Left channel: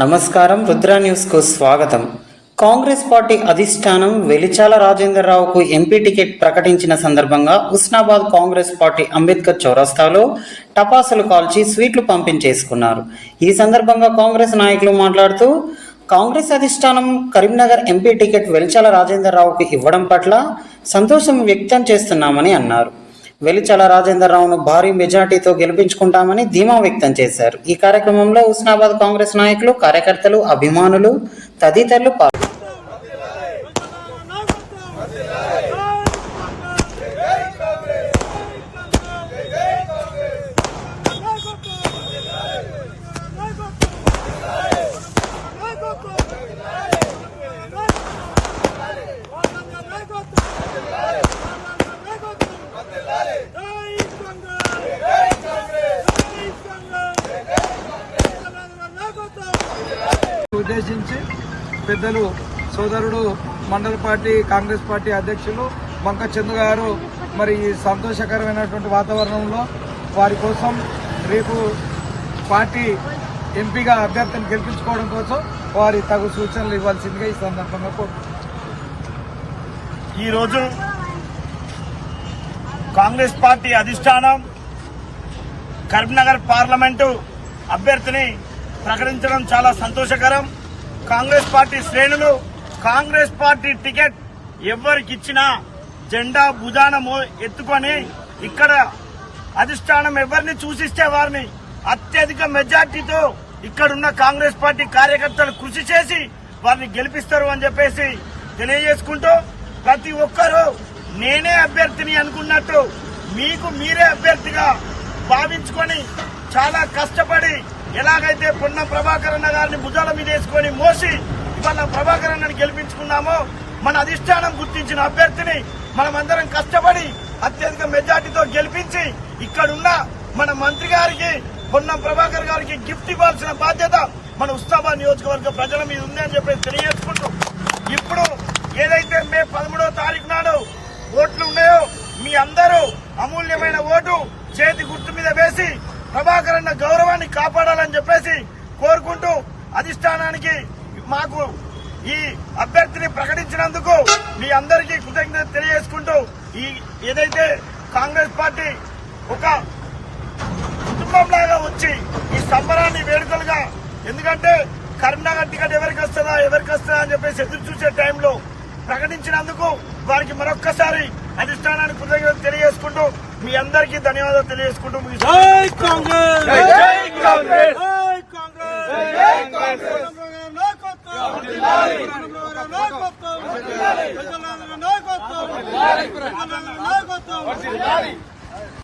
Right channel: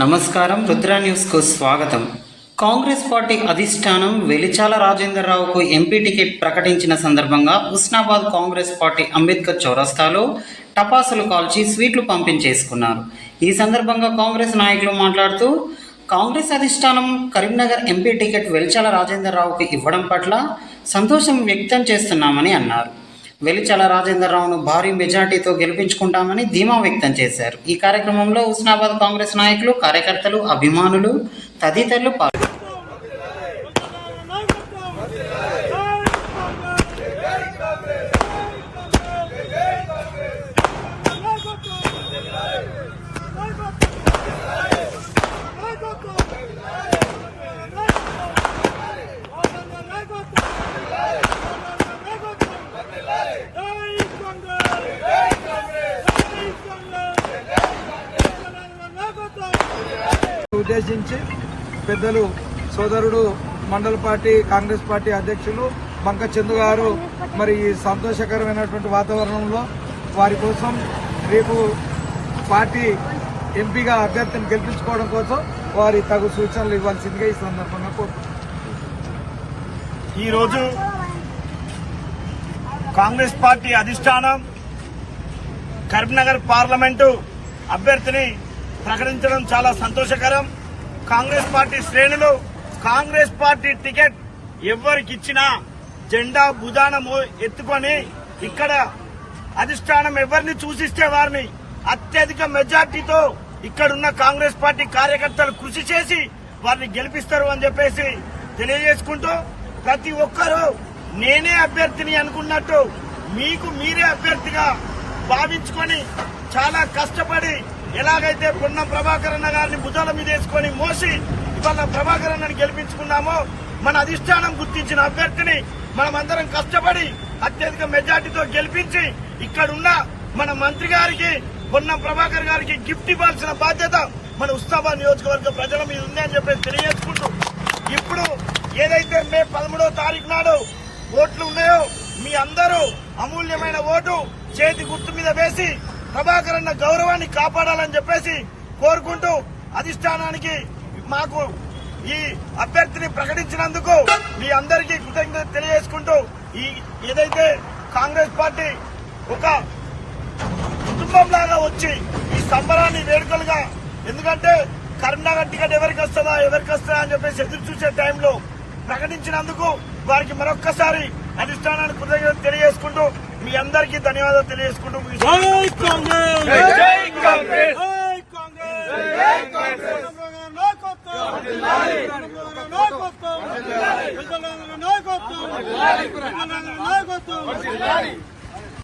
నమస్కారం రుద్ర న్యూస్కు స్వాగతం. కాంగ్రెస్ పార్టీ అధిష్టానం వెలిచాల రాజేంద్రరావుకు ఎంపీ టికెట్ ప్రకటించిన సందర్భంగా ఉస్నాబాద్ కాంగ్రెస్ పార్టీ అంబేద్కర్ చౌరస్తాలో టపాసులు కాల్చి స్వీట్లు పంపించేసుకున్నారు. ఈ సందర్భంగా కాంగ్రెస్ నాయకులు మాట్లాడుతూ కాంగ్రెస్ అధిష్టానం కరీంనగర్ ఎంపీ టికెట్ వెలిచాల రాజేంద్రరావుకు ఇవ్వడం పట్ల సంతోషం వ్యక్తం చేస్తున్నామని అన్నారు. వెలిచల రాజేంద్రరావును భారీ మెజార్టీతో గెలిపించుకుంటామని ధీమా వ్యక్తం చేశారు. ఈ కార్యక్రమంలో హుస్నాబాద్ కాంగ్రెస్ నాయకులు కార్యకర్తలు అభిమానులు తదితరులు పాల్గొన్నారు ఉద్దేశించి పెద్దలు సోదరుడు మండల పార్టీ కాంగ్రెస్ పార్టీ అధ్యక్షులు బంక చంద్ర గారు మరి సంతోషకరమైనటువంటి వాతావరణంలో వారి కోసం రేపు పార్టీ ఎంపీగా అభ్యర్థిని గెలిపించుకోవడం కోసం వారి తగు సూచనలు ఇవ్వాల్సిందిగా ఈ సందర్భంగా కోరుతున్నాను ఈరోజు కాంగ్రెస్ పార్టీ అధిష్టానం కరీంనగర్ పార్లమెంటు అభ్యర్థిని ప్రకటించడం చాలా సంతోషకరం. కాంగ్రెస్ పార్టీ శ్రేణులు కాంగ్రెస్ పార్టీ టికెట్ ఎవరికిచ్చినా జెండా భుజాన ఎత్తుకొని ఇక్కడ అధిష్టానం ఎవరిని సూచిస్తే వారిని అత్యధిక మెజార్టీతో ఇక్కడున్న కాంగ్రెస్ పార్టీ కార్యకర్తలు కృషి చేసి వారిని గెలిపిస్తారు అని చెప్పేసి తెలియజేసుకుంటూ ప్రతి ఒక్కరూ నేనే అభ్యర్థిని అనుకున్నట్టు మీకు మీరే అభ్యర్థిగా భావించుకొని చాలా కష్టపడి ఎలాగైతే పొన్నం ప్రభాకర్ అన్న గారిని భుజాల మీద వేసుకొని మోసి ఇవాళ ప్రభాకర్ అన్నని గెలిపించుకున్నామో మన అధిష్టానం గుర్తించిన అభ్యర్థిని మనమందరం కష్టపడి అత్యధిక మెజార్టీతో గెలిపించి ఇక్కడున్న మన మంత్రి గారికి పొన్నం ప్రభాకర్ గారికి గిఫ్ట్ ఇవ్వాల్సిన బాధ్యత మన ఉస్తాబాద్ నియోజకవర్గ ప్రజల మీద ఉందని చెప్పేసి తెలియజేసుకుంటూ ఇప్పుడు ఏదైతే మే పదమూడవ తారీఖు నాడు ఓట్లు ఉన్నాయో మీ అందరూ అమూల్యమైన ఓటు చేతి గుర్తు మీద వేసి ప్రభాకర్ అన్న గౌరవాన్ని కాపాడాలని చెప్పేసి కోరుకుంటూ అధిష్టానానికి మాకు ఈ అభ్యర్థిని ప్రకటించినందుకు మీ అందరికీ కృతజ్ఞత తెలియజేసుకుంటూ ఈ ఏదైతే కాంగ్రెస్ పార్టీ ఒక కుటుంబంలాగా వచ్చి ఈ సంబరాన్ని వేడుకలుగా ఎందుకంటే కరీంనగర్ టికెట్ ఎవరికి వస్తుందా ఎవరికి వస్తుందా అని చెప్పేసి ఎదురు చూసే టైంలో ప్రకటించినందుకు వారికి మరొక్కసారి అధిష్టానానికి కృతజ్ఞత తెలియజేసుకుంటూ మీ అందరికీ ధన్యవాదాలు తెలియజేసుకుంటూ కాంగ్రెస్!